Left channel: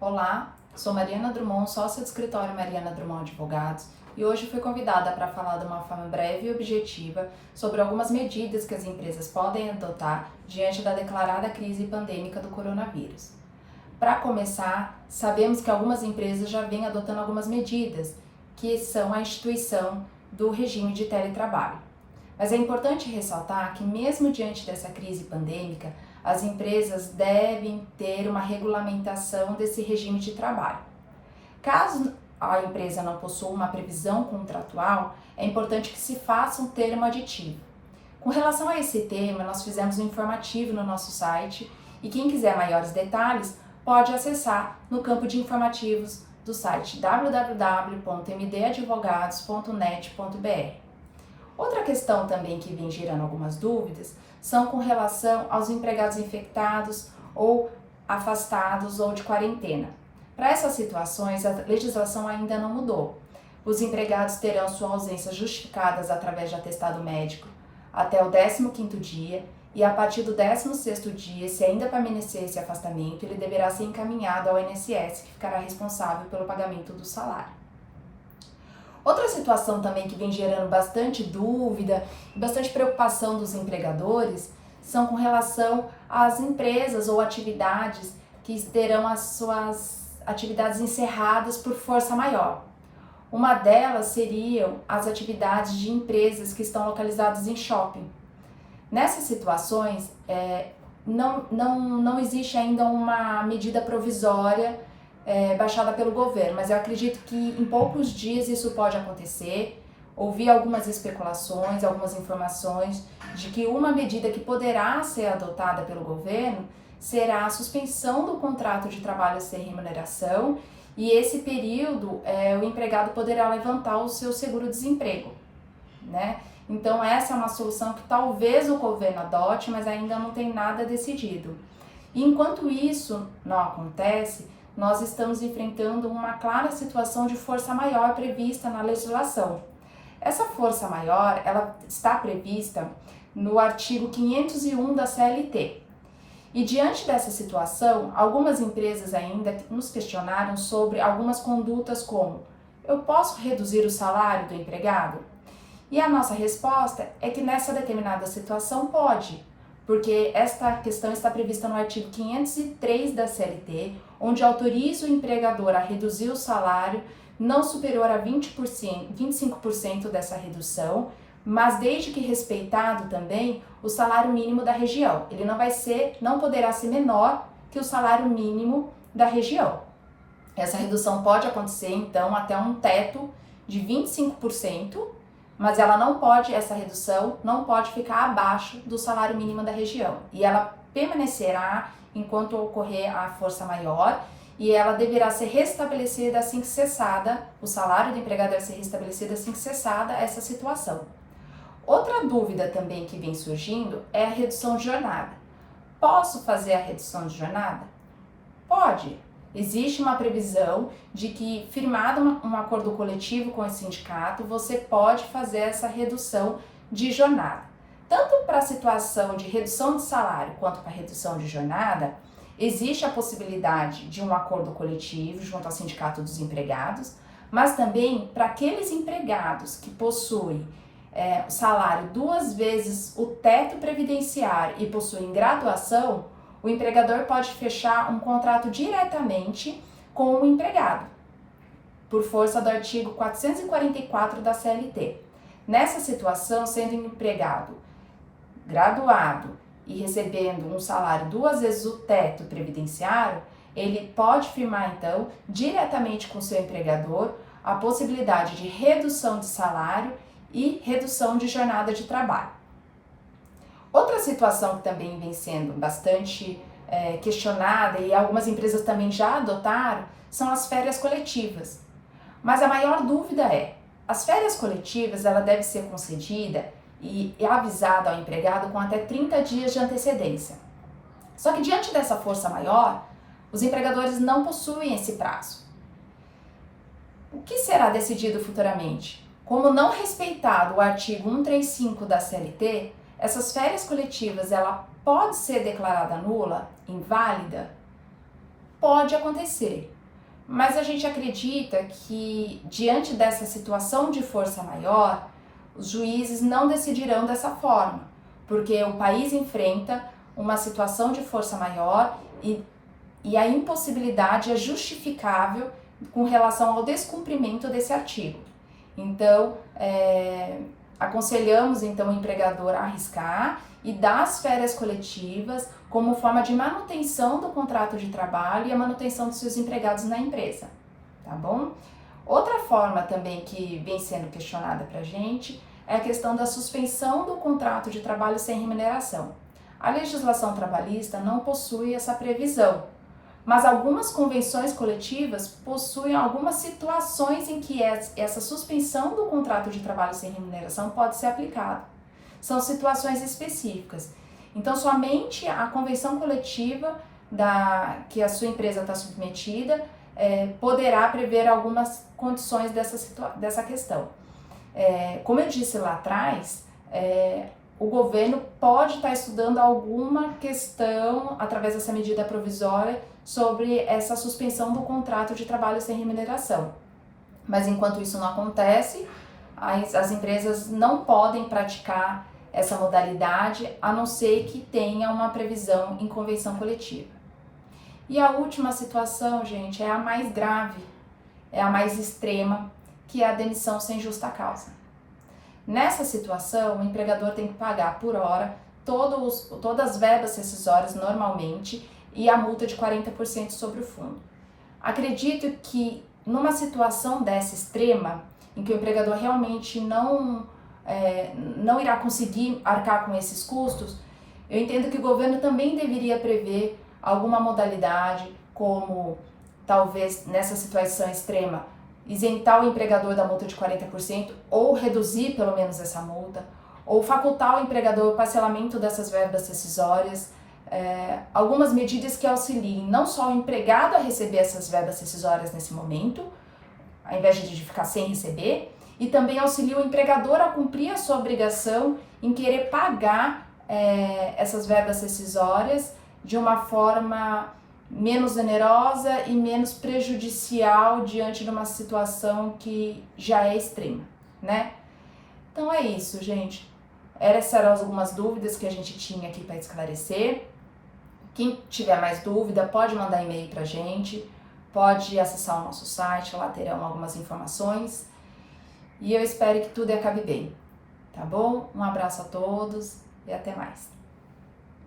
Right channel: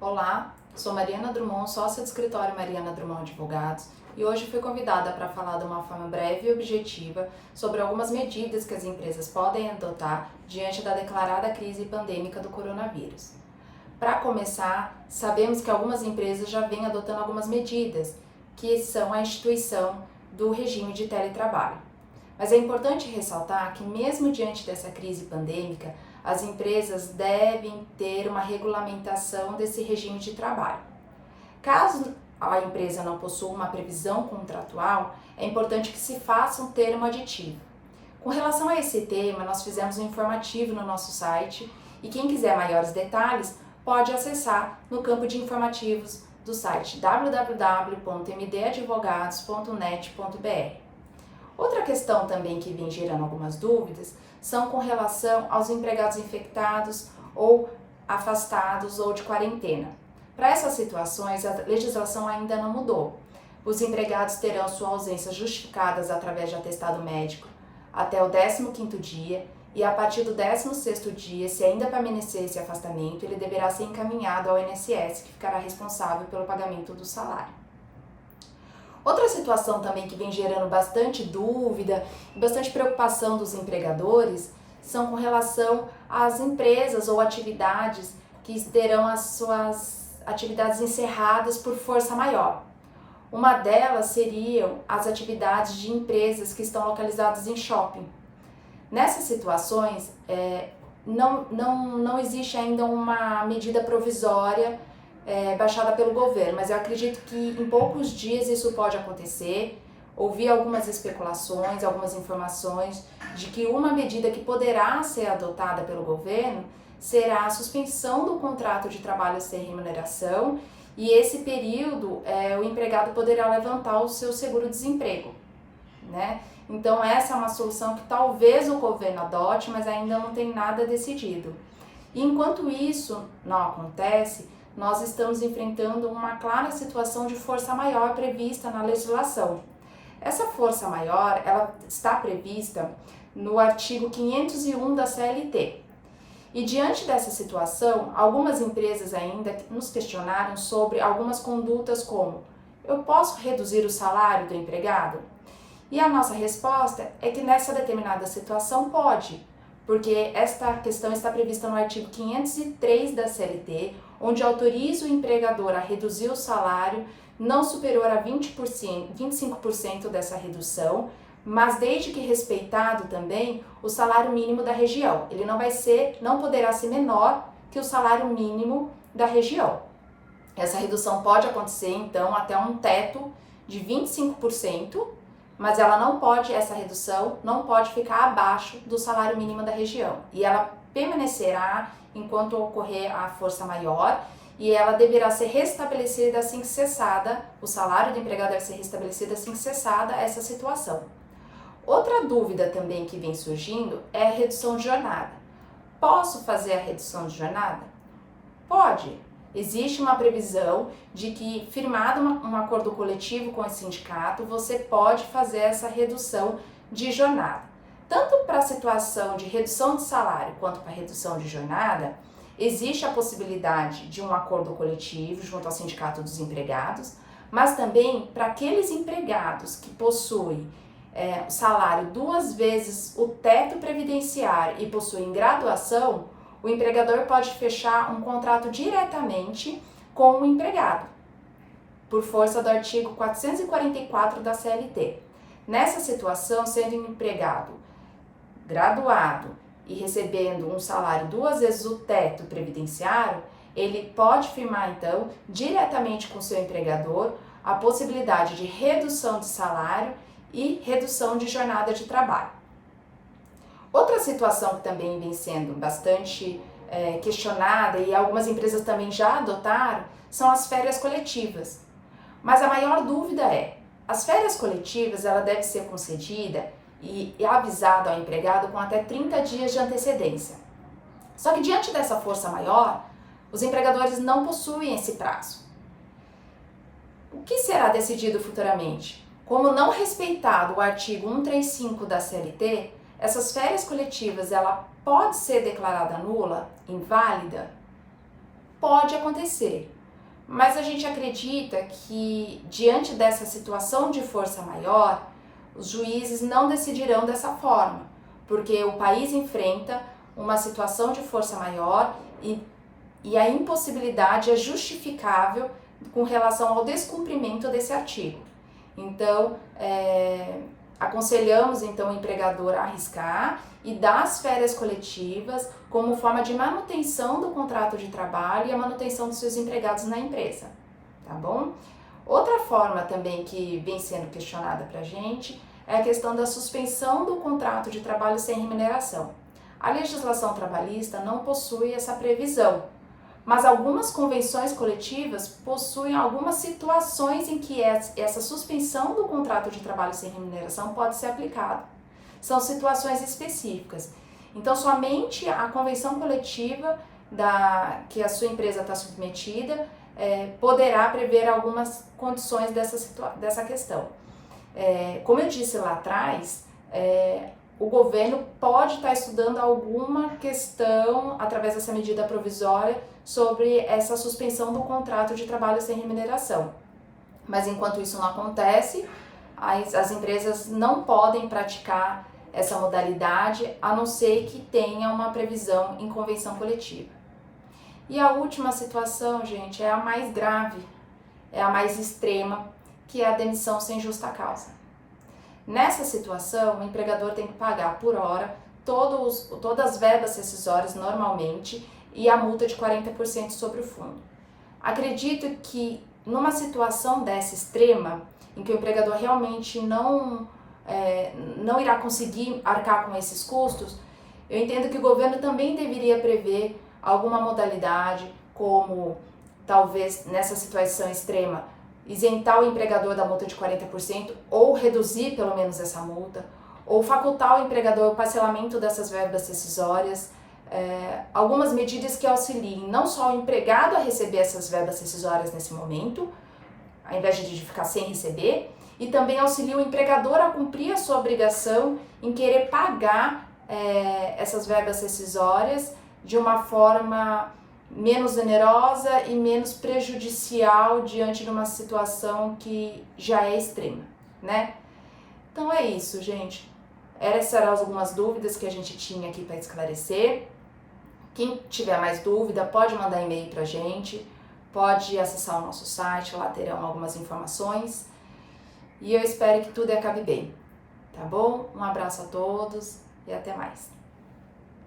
Olá, sou Mariana Drummond, sócia do escritório Mariana Drummond Advogados, e hoje fui convidada para falar de uma forma breve e objetiva sobre algumas medidas que as empresas podem adotar diante da declarada crise pandêmica do coronavírus. Para começar, sabemos que algumas empresas já vêm adotando algumas medidas, que são a instituição do regime de teletrabalho. Mas é importante ressaltar que, mesmo diante dessa crise pandêmica, as empresas devem ter uma regulamentação desse regime de trabalho. Caso a empresa não possua uma previsão contratual, é importante que se faça um termo aditivo. Com relação a esse tema, nós fizemos um informativo no nosso site e quem quiser maiores detalhes pode acessar no campo de informativos do site www.mdadvogados.net.br. Outra questão também que vem gerando algumas dúvidas são com relação aos empregados infectados ou afastados ou de quarentena. Para essas situações, a legislação ainda não mudou. Os empregados terão sua ausência justificadas através de atestado médico até o 15º dia e a partir do 16º dia, se ainda permanecer esse afastamento, ele deverá ser encaminhado ao INSS, que ficará responsável pelo pagamento do salário. Outra situação também que vem gerando bastante dúvida e bastante preocupação dos empregadores são com relação às empresas ou atividades que terão as suas atividades encerradas por força maior. Uma delas seriam as atividades de empresas que estão localizadas em shopping. Nessas situações, não existe ainda uma medida provisória baixada pelo governo, mas eu acredito que em poucos dias isso pode acontecer. Ouvi algumas especulações, algumas informações de que uma medida que poderá ser adotada pelo governo será a suspensão do contrato de trabalho sem remuneração e esse período o empregado poderá levantar o seu seguro-desemprego, né? Então essa é uma solução que talvez o governo adote, mas ainda não tem nada decidido. E enquanto isso não acontece, nós estamos enfrentando uma clara situação de força maior prevista na legislação. Essa força maior, ela está prevista no artigo 501 da CLT. E diante dessa situação, algumas empresas ainda nos questionaram sobre algumas condutas como: eu posso reduzir o salário do empregado? E a nossa resposta é que nessa determinada situação pode, porque esta questão está prevista no artigo 503 da CLT, onde autoriza o empregador a reduzir o salário não superior a 25% dessa redução, mas desde que respeitado também o salário mínimo da região. Ele não poderá ser menor que o salário mínimo da região. Essa redução pode acontecer, então, até um teto de 25%, mas essa redução não pode ficar abaixo do salário mínimo da região. E ela permanecerá enquanto ocorrer a força maior e ela deverá ser restabelecida assim que cessada, o salário do empregado deve ser restabelecido assim que cessada essa situação. Outra dúvida também que vem surgindo é a redução de jornada. Posso fazer a redução de jornada? Pode. Existe uma previsão de que, firmado um acordo coletivo com o sindicato, você pode fazer essa redução de jornada. Tanto para a situação de redução de salário quanto para a redução de jornada, existe a possibilidade de um acordo coletivo junto ao Sindicato dos Empregados, mas também para aqueles empregados que possuem salário 2 vezes o teto previdenciário e possuem graduação, o empregador pode fechar um contrato diretamente com o empregado, por força do artigo 444 da CLT. Nessa situação, sendo um empregado graduado e recebendo um salário 2 vezes o teto previdenciário, ele pode firmar, então, diretamente com o seu empregador a possibilidade de redução de salário e redução de jornada de trabalho. Outra situação que também vem sendo bastante questionada e algumas empresas também já adotaram são as férias coletivas. Mas a maior dúvida as férias coletivas ela deve ser concedida e avisada ao empregado com até 30 dias de antecedência. Só que diante dessa força maior, os empregadores não possuem esse prazo. O que será decidido futuramente? Como não respeitado o artigo 135 da CLT, essas férias coletivas, ela pode ser declarada nula, inválida? Pode acontecer, mas a gente acredita que, diante dessa situação de força maior, os juízes não decidirão dessa forma, porque o país enfrenta uma situação de força maior e a impossibilidade é justificável com relação ao descumprimento desse artigo. Então, aconselhamos então o empregador a arriscar e dar as férias coletivas como forma de manutenção do contrato de trabalho e a manutenção dos seus empregados na empresa, tá bom? Outra forma também que vem sendo questionada pra gente é a questão da suspensão do contrato de trabalho sem remuneração. A legislação trabalhista não possui essa previsão, mas algumas convenções coletivas possuem algumas situações em que essa suspensão do contrato de trabalho sem remuneração pode ser aplicada. São situações específicas. Então, somente a convenção coletiva que a sua empresa está submetida poderá prever algumas condições dessa questão. Como eu disse lá atrás, o governo pode estar estudando alguma questão, através dessa medida provisória, sobre essa suspensão do contrato de trabalho sem remuneração. Mas enquanto isso não acontece, as empresas não podem praticar essa modalidade, a não ser que tenha uma previsão em convenção coletiva. E a última situação, gente, é a mais grave, é a mais extrema, que é a demissão sem justa causa. Nessa situação, o empregador tem que pagar por hora todas as verbas rescisórias normalmente e a multa de 40% sobre o fundo. Acredito que numa situação dessa extrema, em que o empregador realmente não irá conseguir arcar com esses custos, eu entendo que o governo também deveria prever alguma modalidade, como talvez nessa situação extrema, isentar o empregador da multa de 40% ou reduzir pelo menos essa multa, ou facultar o empregador o parcelamento dessas verbas rescisórias, algumas medidas que auxiliem não só o empregado a receber essas verbas rescisórias nesse momento, ao invés de ficar sem receber, e também auxilia o empregador a cumprir a sua obrigação em querer pagar essas verbas rescisórias de uma forma menos onerosa e menos prejudicial diante de uma situação que já é extrema, né? Então é isso, gente. Essas eram algumas dúvidas que a gente tinha aqui para esclarecer. Quem tiver mais dúvida, pode mandar e-mail pra gente, pode acessar o nosso site, lá terão algumas informações. E eu espero que tudo acabe bem, tá bom? Um abraço a todos e até mais.